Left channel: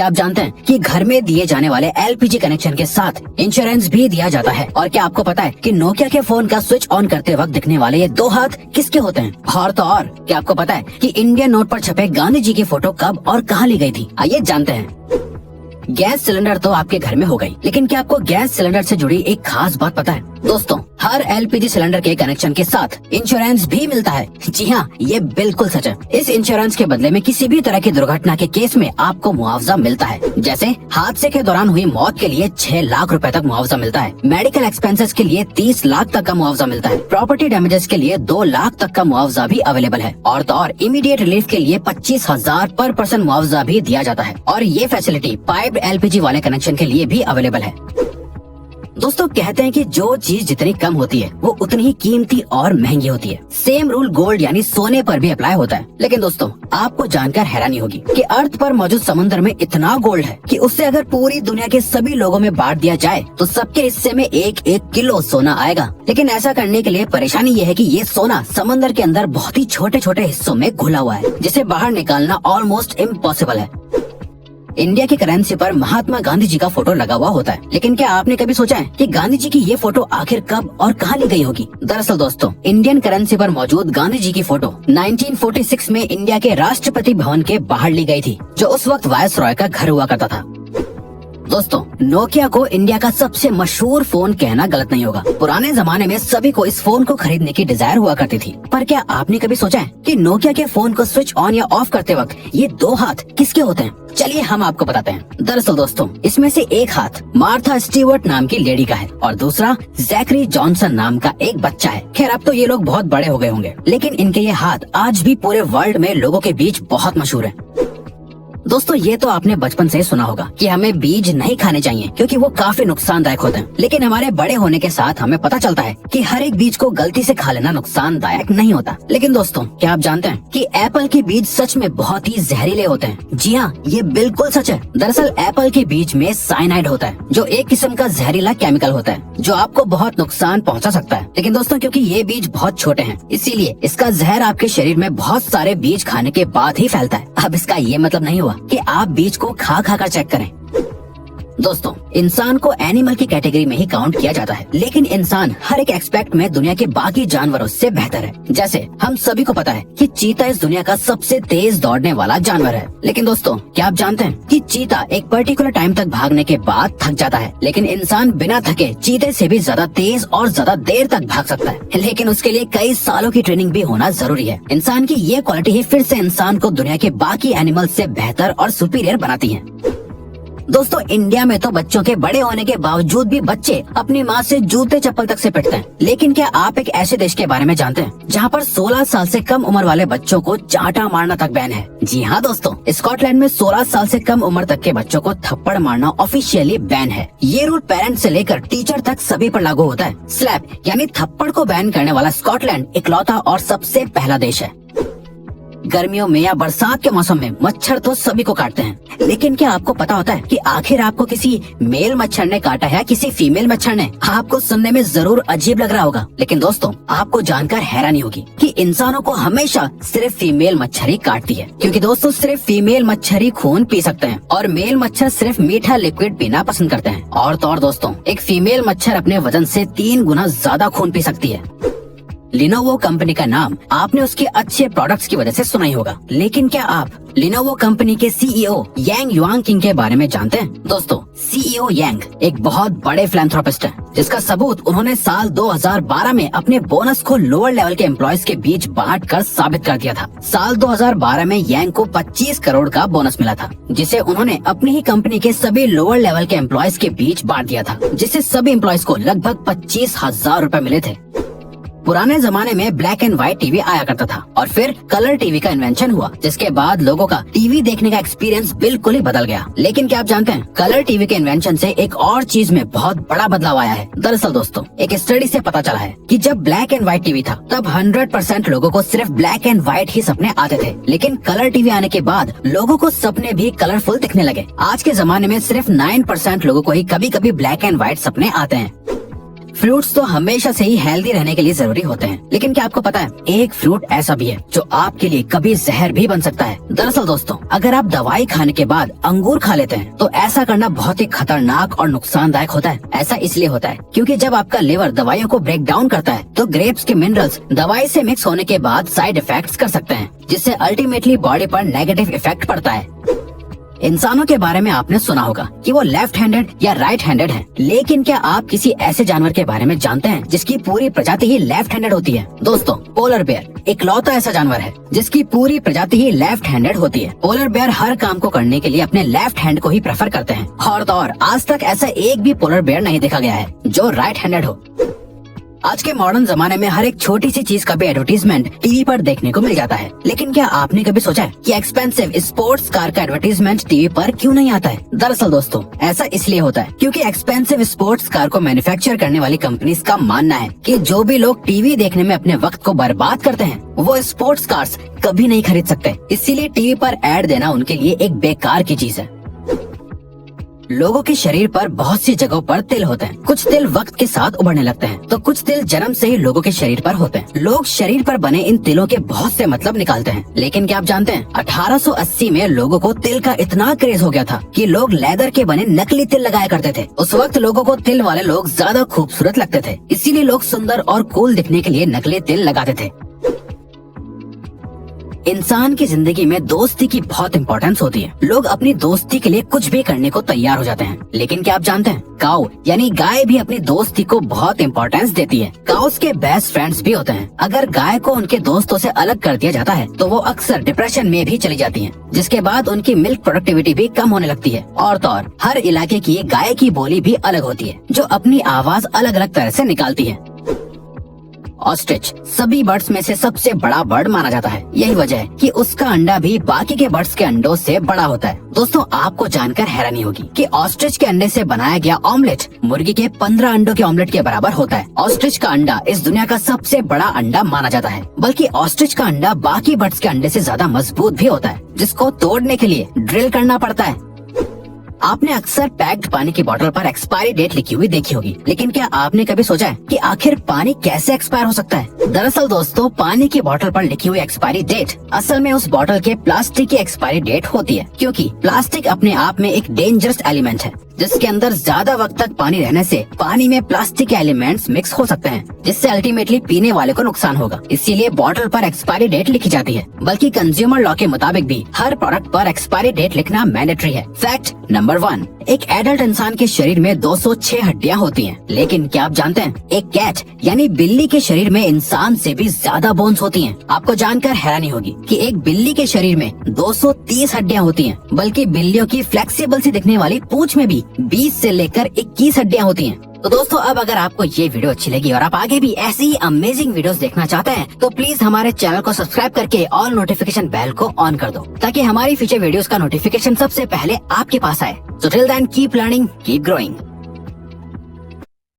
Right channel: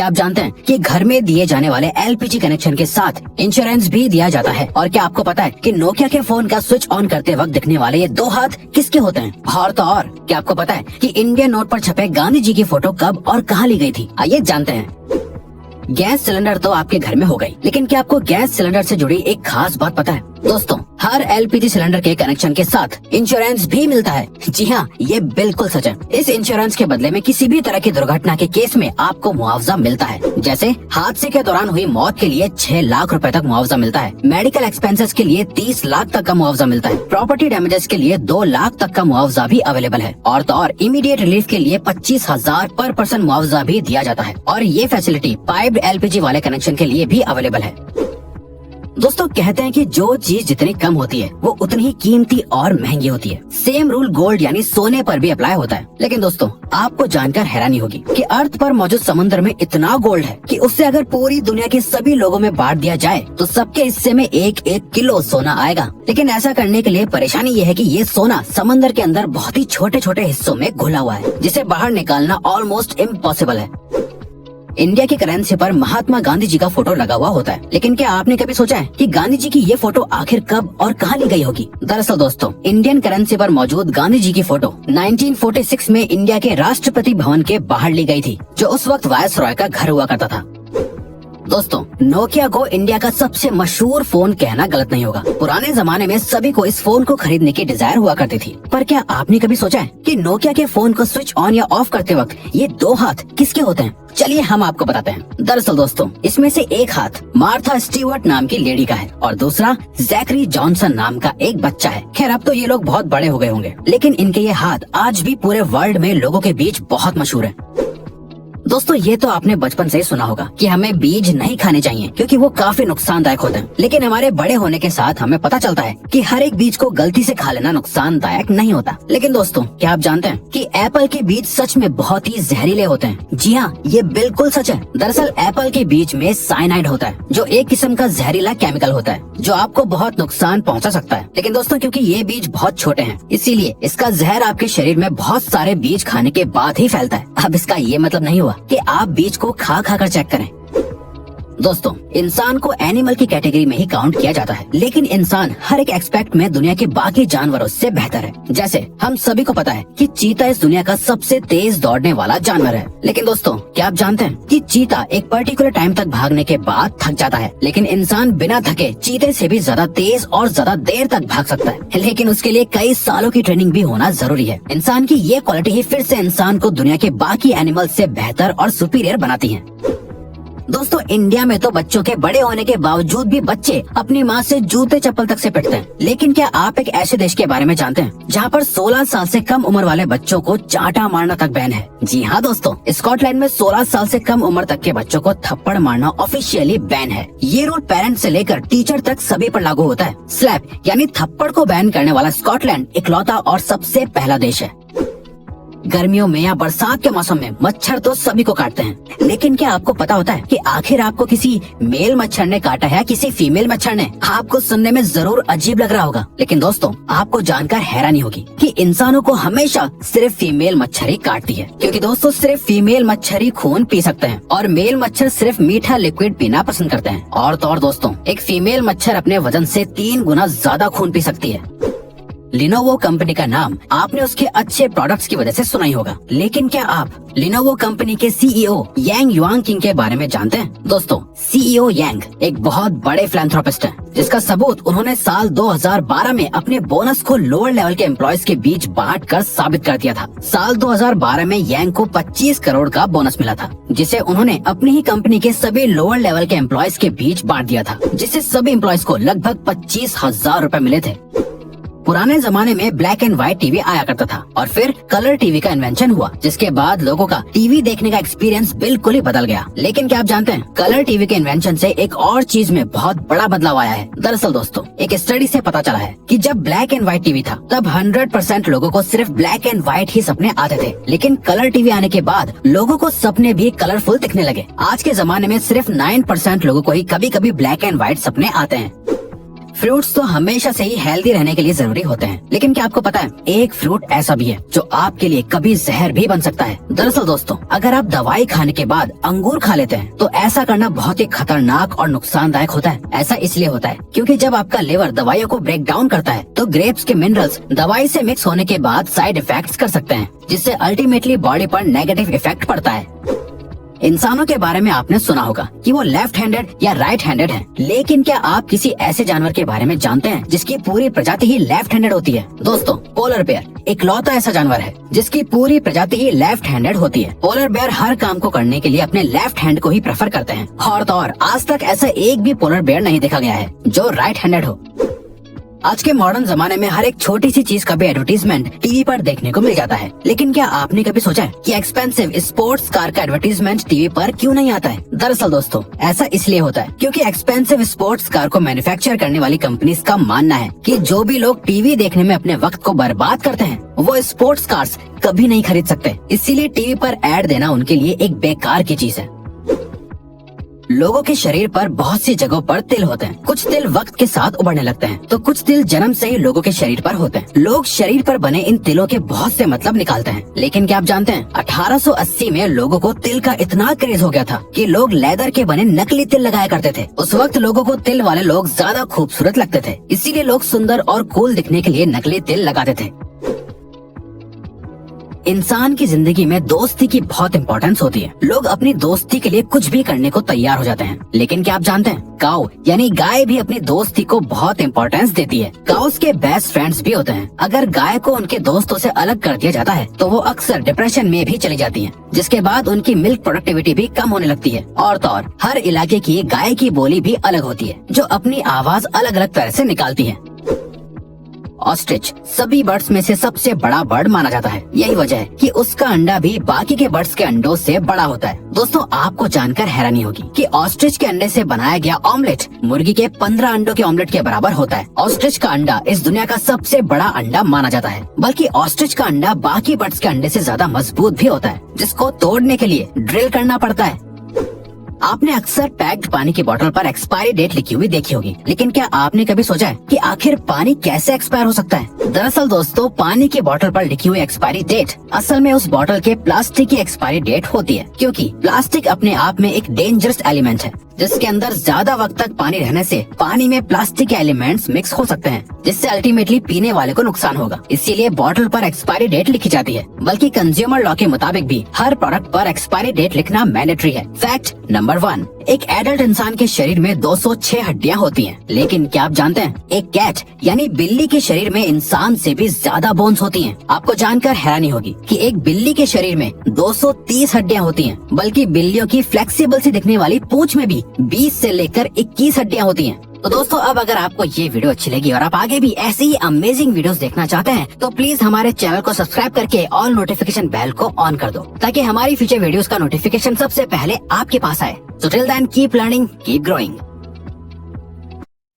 क्या आप जानते हैं कि घर में दिए जाने वाले एलपीजी कनेक्शन के साथ इंश्योरेंस भी दिया जाता है? और क्या आपको पता है कि नोकिया के फोन का स्विच ऑन करते वक्त दिखने वाले ये 2 हाथ किसके होते हैं? और तो और क्या आपको पता है कि इंडियन नोट पर छपे गांधी जी की फोटो कब और कहाँ ली गई थी? आइए जानते हैं। गैस सिलेंडर तो आपके घर में हो गई, लेकिन क्या आपको गैस सिलेंडर से जुड़ी एक खास बात पता है? दोस्तों, हर एलपीजी सिलेंडर के कनेक्शन के साथ इंश्योरेंस भी मिलता है। जी हाँ, ये बिल्कुल सच है। इस इंश्योरेंस के बदले में किसी भी तरह की दुर्घटना के केस में आपको मुआवजा मिलता है। जैसे हादसे के दौरान हुई मौत के लिए 6 लाख रुपए तक मुआवजा मिलता है। मेडिकल एक्सपेंसेस के लिए 30 लाख तक का मुआवजा मिलता है। प्रॉपर्टी डैमेजेस के लिए 2 लाख तक का मुआवजा भी अवेलेबल है। और तो और इमीडिएट रिलीफ के लिए 25,000 पर पर्सन मुआवजा भी दिया जाता है। और ये फैसिलिटी पाइप्ड एलपीजी वाले कनेक्शन के लिए भी अवेलेबल है। दोस्तों, कहते हैं कि जो चीज जितनी कम होती है वो उतनी ही कीमती और महंगी होती है। सेम रूल गोल्ड यानी सोने पर भी अप्लाई होता है। लेकिन दोस्तों, आपको जानकर हैरानी होगी कि अर्थ पर मौजूद समुद्र में इतना गोल्ड है कि उससे अगर पूरी दुनिया के सभी लोगों में बांट दिया जाए तो सबके हिस्से में 1-1 किलो सोना आएगा। लेकिन ऐसा करने के लिए परेशानी ये है कि ये सोना समंदर के अंदर बहुत ही छोटे छोटे हिस्सों में घुला हुआ है, जिसे बाहर निकालना ऑलमोस्ट इम्पॉसिबल है। इंडिया की करेंसी पर महात्मा गांधी जी का फोटो लगा हुआ होता है, लेकिन क्या आपने कभी सोचा है कि गांधी जी की ये फोटो आखिर कब और कहाँ ली गई होगी? दरअसल दोस्तों, इंडियन करेंसी पर मौजूद गांधी जी की फोटो 1946 में इंडिया के राष्ट्रपति भवन के बाहर ली गई थी, जो उस वक्त वायसरॉय का घर हुआ करता था। दोस्तों, नोकिया को इंडिया का सबसे मशहूर फोन कहना गलत नहीं होगा। पुराने जमाने में सभी को इस फोन को खरीदने की डिजायर हुआ करती थी। पर क्या आपने कभी सोचा है कि नोकिया के फोन को स्विच ऑन या ऑफ करते वक्त ये 2 हाथ किसके होते हैं? चलिए हम आपको बताते हैं। दरअसल दोस्तों, इसमें से एक हाथ मार्था स्टीवर्ट नाम की लेडी का है और दूसरा जैकरी जॉनसन नाम का एक बच्चा है। खैर, अब तो ये लोग बहुत बड़े हो गए होंगे, लेकिन इनके ये हाथ आज भी पूरे वर्ल्ड में लोगों के बीच बहुत मशहूर है। दोस्तों, ये तो आपने बचपन से ही सुना होगा कि हमें बीज नहीं खाने चाहिए क्योंकि वो काफी नुकसानदायक होते हैं। लेकिन हमारे बड़े होने के साथ हमें पता चलता है कि हर एक बीज को गलती से खा लेना नुकसानदायक नहीं होता। लेकिन दोस्तों, क्या आप जानते हैं कि एप्पल के बीज सच में बहुत ही जहरीले होते हैं? जी हाँ, ये बिल्कुल सच है। दरअसल एप्पल के बीज में साइनाइड होता है, जो एक किस्म का जहरीला केमिकल होता है जो आपको बहुत नुकसान पहुँचा सकता है। लेकिन दोस्तों, क्योंकि ये बीज बहुत छोटे हैं, इसीलिए इसका जहर आपके शरीर में बहुत सारे बीज खाने के बाद ही फैलता है। अब इसका ये मतलब नहीं हुआ कि आप बीज को खा खा कर चेक करें। दोस्तों, इंसान को एनिमल की कैटेगरी में ही काउंट किया जाता है, लेकिन इंसान हर एक एस्पेक्ट में दुनिया के बाकी जानवरों से बेहतर है। जैसे हम सभी को पता है कि चीता इस दुनिया का सबसे तेज दौड़ने वाला जानवर है। लेकिन दोस्तों, क्या आप जानते हैं कि चीता एक पर्टिकुलर टाइम तक भागने के बाद थक जाता है, लेकिन इंसान बिना थके चीते से भी ज्यादा तेज और ज्यादा देर तक भाग सकता है। लेकिन उसके लिए कई सालों की ट्रेनिंग भी होना जरूरी है। इंसान की ये क्वालिटी ही फिर से इंसान को दुनिया के बाकी एनिमल से बेहतर और सुपीरियर बनाती है। दोस्तों, इंडिया में तो बच्चों के बड़े होने के बावजूद भी बच्चे अपनी माँ से जूते चप्पल तक से पिटते हैं। लेकिन क्या आप एक ऐसे देश के बारे में जानते हैं जहाँ पर 16 साल से कम उम्र वाले बच्चों को चांटा मारना तक बैन है? जी हाँ दोस्तों, स्कॉटलैंड में 16 साल से कम उम्र तक के बच्चों को थप्पड़ मारना ऑफिशियली बैन है। ये रूल पेरेंट्स से लेकर टीचर तक सभी पर लागू होता है। स्लैप यानी थप्पड़ को बैन करने वाला स्कॉटलैंड इकलौता और सबसे पहला देश है। गर्मियों में या बरसात के मौसम में मच्छर तो सभी को काटते हैं, लेकिन क्या आपको पता होता है कि आखिर आपको किसी मेल मच्छर ने काटा है किसी फीमेल मच्छर ने? आपको सुनने में जरूर अजीब लग रहा होगा, लेकिन दोस्तों, आपको जानकर हैरानी होगी कि इंसानों को हमेशा सिर्फ फीमेल मच्छर ही काटती है। क्योंकि दोस्तों, सिर्फ फीमेल मच्छर ही खून पी सकते हैं और मेल मच्छर सिर्फ मीठा लिक्विड पीना पसंद करते हैं। और तो और दोस्तों, एक फीमेल मच्छर अपने वजन से 3 गुना ज्यादा खून पी सकती है। लिनोवो कंपनी का नाम आपने उसके अच्छे प्रोडक्ट्स की वजह से सुना ही होगा, लेकिन क्या आप लिनोवो कंपनी के सीईओ यांग युआंगकिंग के बारे में जानते हैं? दोस्तों, सीईओ यांग एक बहुत बड़े फिलैंथ्रोपिस्ट हैं, जिसका सबूत उन्होंने साल 2012 में अपने बोनस को लोअर लेवल के एम्प्लॉयज के बीच बांट कर साबित कर दिया था। साल 2012 में यांग को 25 करोड़ का बोनस मिला था, जिसे उन्होंने अपनी ही कंपनी के सभी लोअर लेवल के एम्प्लॉयज के बीच बांट दिया था, जिससे सभी एम्प्लॉयज को लगभग 25,000 रूपए मिले थे। पुराने जमाने में ब्लैक एंड व्हाइट टीवी आया करता था और फिर कलर टीवी का इन्वेंशन हुआ, जिसके बाद लोगों का टीवी देखने का एक्सपीरियंस बिल्कुल ही बदल गया। लेकिन क्या आप जानते हैं, कलर टीवी के इन्वेंशन से एक और चीज में बहुत बड़ा बदलाव आया है। दरअसल दोस्तों, एक स्टडी से पता चला है कि जब ब्लैक एंड व्हाइट टीवी था तब 100% लोगों को सिर्फ ब्लैक एंड व्हाइट ही सपने आते थे, लेकिन कलर टीवी आने के बाद लोगों को सपने भी कलरफुल दिखने लगे। आज के जमाने में सिर्फ 9% लोगों को ही कभी कभी ब्लैक एंड व्हाइट सपने आते हैं। फ्रूट्स तो हमेशा से ही हेल्दी रहने के लिए जरूरी होते हैं, लेकिन क्या आपको पता है एक फ्रूट ऐसा भी है जो आपके लिए कभी जहर भी बन सकता है। दरअसल दोस्तों, अगर आप दवाई खाने के बाद अंगूर खा लेते हैं तो ऐसा करना बहुत ही खतरनाक और नुकसानदायक होता है। ऐसा इसलिए होता है क्योंकि जब आपका लिवर दवाइयों को ब्रेक डाउन करता है तो ग्रेप्स के मिनरल्स दवाई से मिक्स होने के बाद साइड इफेक्ट्स कर सकते हैं, जिससे अल्टीमेटली बॉडी पर नेगेटिव इफेक्ट पड़ता है। इंसानों के बारे में आपने सुना होगा कि वो लेफ्ट हैंडेड या राइट हैंडेड है, लेकिन क्या आप किसी ऐसे जानवर के बारे में जानते हैं जिसकी पूरी प्रजाति ही लेफ्ट हैंडेड होती है? दोस्तों, पोलर बेयर इकलौता ऐसा जानवर है जिसकी पूरी प्रजाति ही लेफ्ट हैंडेड होती है। पोलर बेयर हर काम को करने के लिए अपने लेफ्ट हैंड को ही प्रेफर करते हैं और तो और आज तक ऐसा एक भी पोलर बेयर नहीं देखा गया है जो राइट हैंडेड हो। आज के मॉडर्न जमाने में हर एक छोटी सी चीज का भी एडवर्टीजमेंट टीवी पर देखने को मिल जाता है, लेकिन क्या आपने कभी सोचा है कि एक्सपेंसिव स्पोर्ट्स कार का एडवर्टीजमेंट टीवी पर क्यों नहीं आता है? दरअसल दोस्तों, ऐसा इसलिए होता है क्योंकि एक्सपेंसिव स्पोर्ट्स कार को मैन्युफैक्चर करने वाली कंपनीज का मानना है कि जो भी लोग टीवी देखने में अपने वक्त को बर्बाद करते हैं वो स्पोर्ट्स कार्स कभी नहीं खरीद सकते, इसीलिए टीवी पर एड देना उनके लिए एक बेकार की चीज है। लोगों के शरीर पर बहुत सी जगहों पर तिल होते हैं। कुछ तिल वक्त के साथ उभरने लगते हैं तो कुछ तिल जन्म से ही लोगों के शरीर पर होते हैं। लोग शरीर पर बने इन तिलों के बहुत से मतलब निकालते हैं, लेकिन क्या आप जानते हैं 1880 में लोगों को तिल का इतना क्रेज हो गया था कि लोग लेदर के बने नकली तिल लगाया करते थे। उस वक्त लोगों को तिल वाले लोग ज्यादा खूबसूरत लगते थे, इसीलिए लोग सुंदर और कूल दिखने के लिए नकली तिल लगाते थे। इंसान की जिंदगी में दोस्ती की बहुत इंपॉर्टेंस होती है। लोग अपनी दोस्ती के लिए कुछ भी करने को तैयार हो जाते हैं, लेकिन क्या आप जानते हैं काऊ यानी गाय भी अपनी दोस्ती को बहुत इंपॉर्टेंस देती है। काउस के बेस्ट फ्रेंड्स भी होते हैं। अगर गाय को उनके दोस्तों से अलग कर दिया जाता है तो वो अक्सर डिप्रेशन में भी चली जाती हैं, जिसके बाद उनकी मिल्क प्रोडक्टिविटी भी कम होने लगती है। और तो और हर इलाके की गाय की बोली भी अलग होती है जो अपनी आवाज अलग अलग तरह से निकालती है। ऑस्ट्रिच सभी बर्ड्स में से सबसे बड़ा बर्ड माना जाता है। यही वजह है कि उसका अंडा भी बाकी के बर्ड्स के अंडों से बड़ा होता है। दोस्तों, आपको जानकर हैरानी होगी कि ऑस्ट्रिच के अंडे से बनाया गया ऑमलेट मुर्गी के 15 अंडों के ऑमलेट के बराबर होता है। ऑस्ट्रिच का अंडा इस दुनिया का सबसे बड़ा अंडा माना जाता है, बल्कि ऑस्ट्रिच का अंडा बाकी बर्ड्स के अंडे से ज्यादा मजबूत भी होता है, जिसको तोड़ने के लिए ड्रिल करना पड़ता है। आपने अक्सर पैक्ड पानी की बोतल पर एक्सपायरी डेट लिखी हुई देखी होगी, लेकिन क्या आपने कभी सोचा है कि आखिर पानी कैसे एक्सपायर हो सकता है? दरअसल दोस्तों, पानी की बोतल पर लिखी हुई एक्सपायरी डेट असल में उस बोतल के प्लास्टिक की एक्सपायरी डेट होती है, क्योंकि प्लास्टिक अपने आप में एक डेंजरस एलिमेंट है जिसके अंदर ज्यादा वक्त तक पानी रहने से पानी में प्लास्टिक के एलिमेंट्स मिक्स हो सकते हैं, जिससे अल्टीमेटली पीने वाले को नुकसान होगा। इसीलिए बोतल पर एक्सपायरी डेट लिखी जाती है। बल्कि कंज्यूमर लॉ के मुताबिक भी हर प्रोडक्ट पर एक्सपायरी डेट लिखना मैंडेटरी है। फैक्ट नंबर 1, एक एडल्ट इंसान के शरीर में 206 हड्डियां होती हैं, लेकिन क्या आप जानते हैं एक कैट यानी बिल्ली के शरीर में इंसान से भी ज्यादा बोन्स होती हैं। आपको जानकर हैरानी होगी कि एक बिल्ली के शरीर में 230 हड्डियां होती हैं, बल्कि बिल्लियों की फ्लेक्सिबल सी दिखने वाली पूंछ में भी 20 से लेकर 21 हड्डियां होती हैं। तो दोस्तों, अब अगर आपको ये वीडियो अच्छी लगी और आप आगे भी ऐसे ही अमेजिंग वीडियोस देखना चाहते हैं तो प्लीज हमारे चैनल को सब्सक्राइब करके ऑल नोटिफिकेशन बेल को ऑन कर दो, ताकि हमारी फ्यूचर वीडियोस का नोटिफिकेशन सबसे पहले आपके पास आए। So till then, keep learning, keep growing.